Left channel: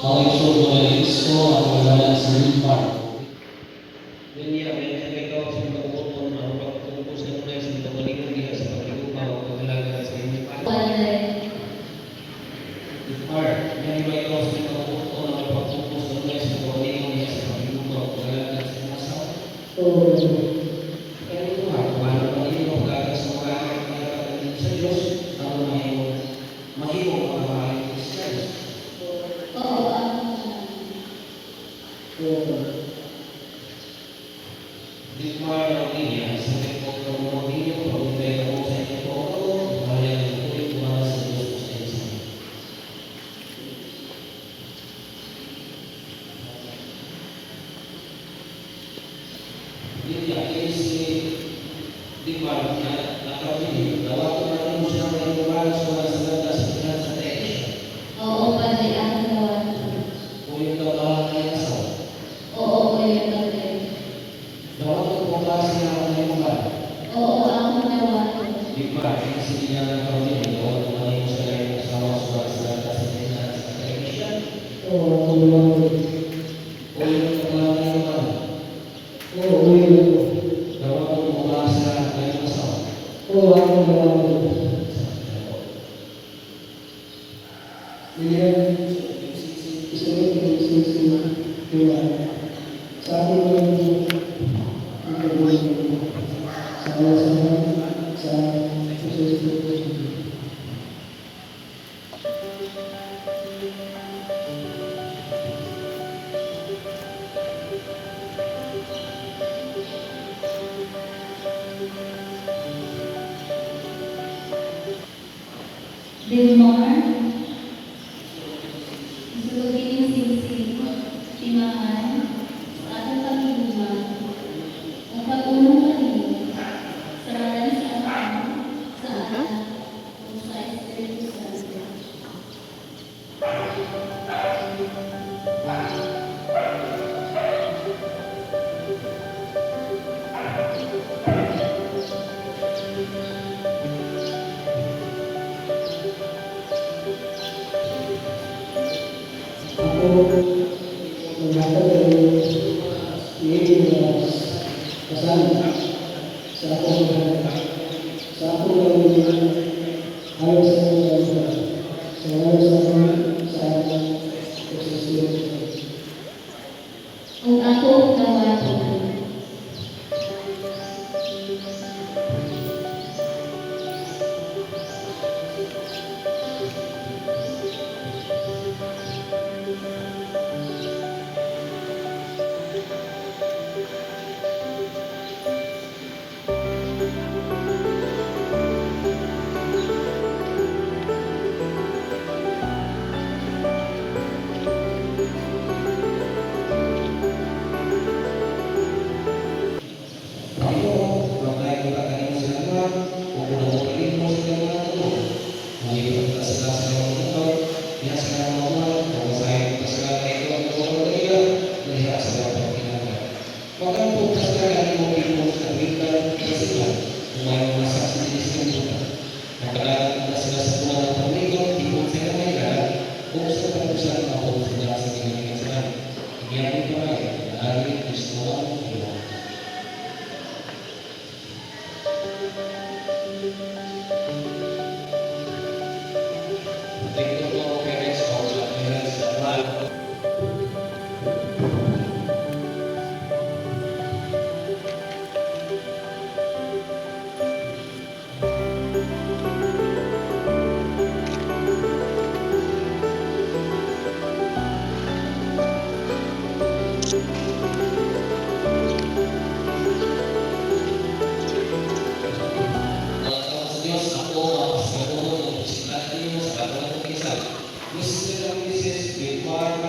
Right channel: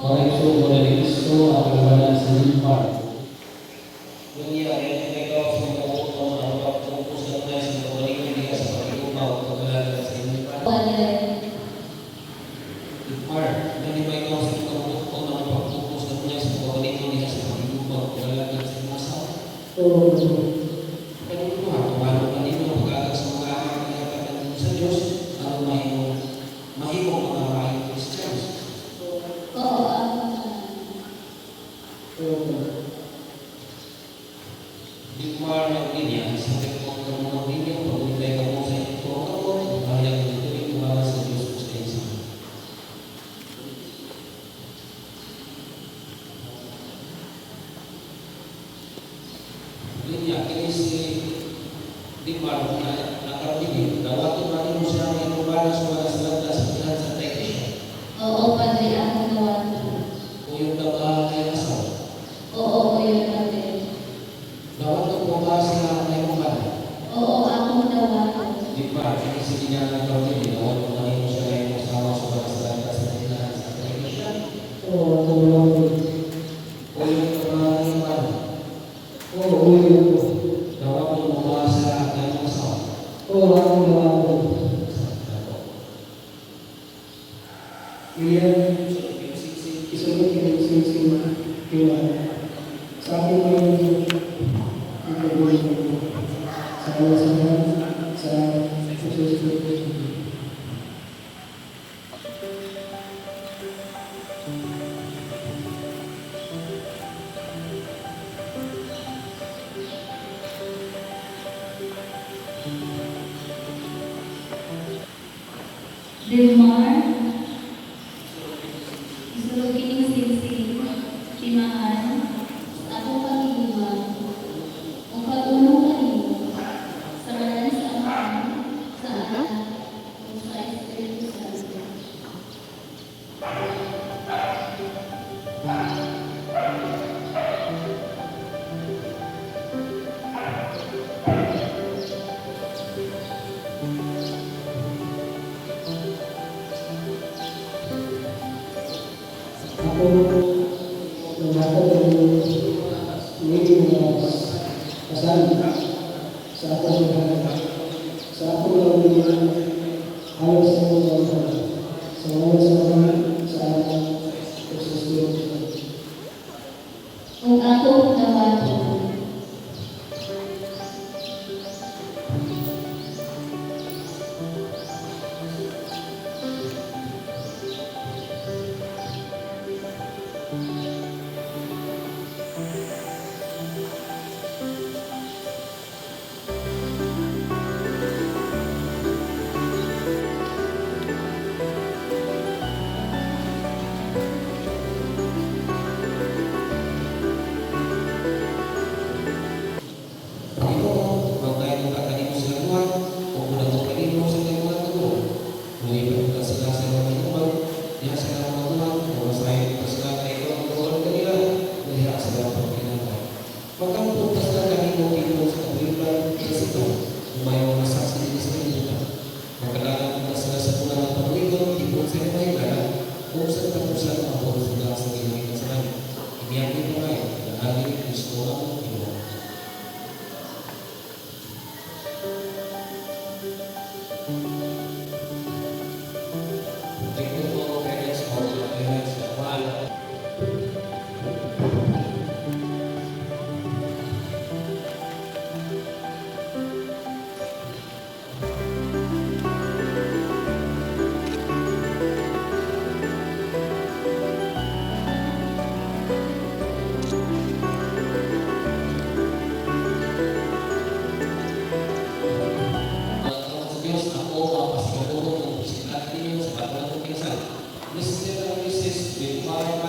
Mauricio Morelisto at wala sa Wilmar. Hindi ang ikaw sa mga utong ang pagtungkos ng mga sa mga ligang diya sa pag-iumaw o pag-alaga sa inyong Wilmar, hindi ba ikaw sa mga utong ang pagtungkos ng mga sa mga ligang diya sa pag-iumaw o pag-alaga sa inyong asawa? Kaya ito nga, paano ka ninyo pag-alaga sa mga anak na ipagdating sa Diyos ang mahimong mga mahaling Kristiyanos? Wilmar na opinion sa tikot ng mga opinion pag-intay ka po sa inyo po ako bahaya ng tubig para sa Diyos sa isa. Yun nga, kaya si Wilmar nakapili, dawato natin mo siya ng inubalas para sa landas sa tradisyon. Oo, Padre, ang ginawa ko. O yung kabahay asawa. Oo, Kuya Padre. Bawat ko po kasi naman na yung ba? Oo, ang ginawa ko. Wilmar, kaya si Diyan nakapili, dawat ko naman siya ng yung asawa sa landas sa tradisyon. O yung kabahay ba? Dapat ko bumasa sa yung asawa. Wilmar, isulugin yung sinisig, timaan, sa atong pag-iwan, kung pag-unong kanino, sa ngalan sa Ama, sa Anak, o sa Espiritu Santo. Kung ako nawa ko, Diyos ako mapasaguro ng bisiklatan niyo sa pagkakas ng isa. Mr. and Mrs. Wilmar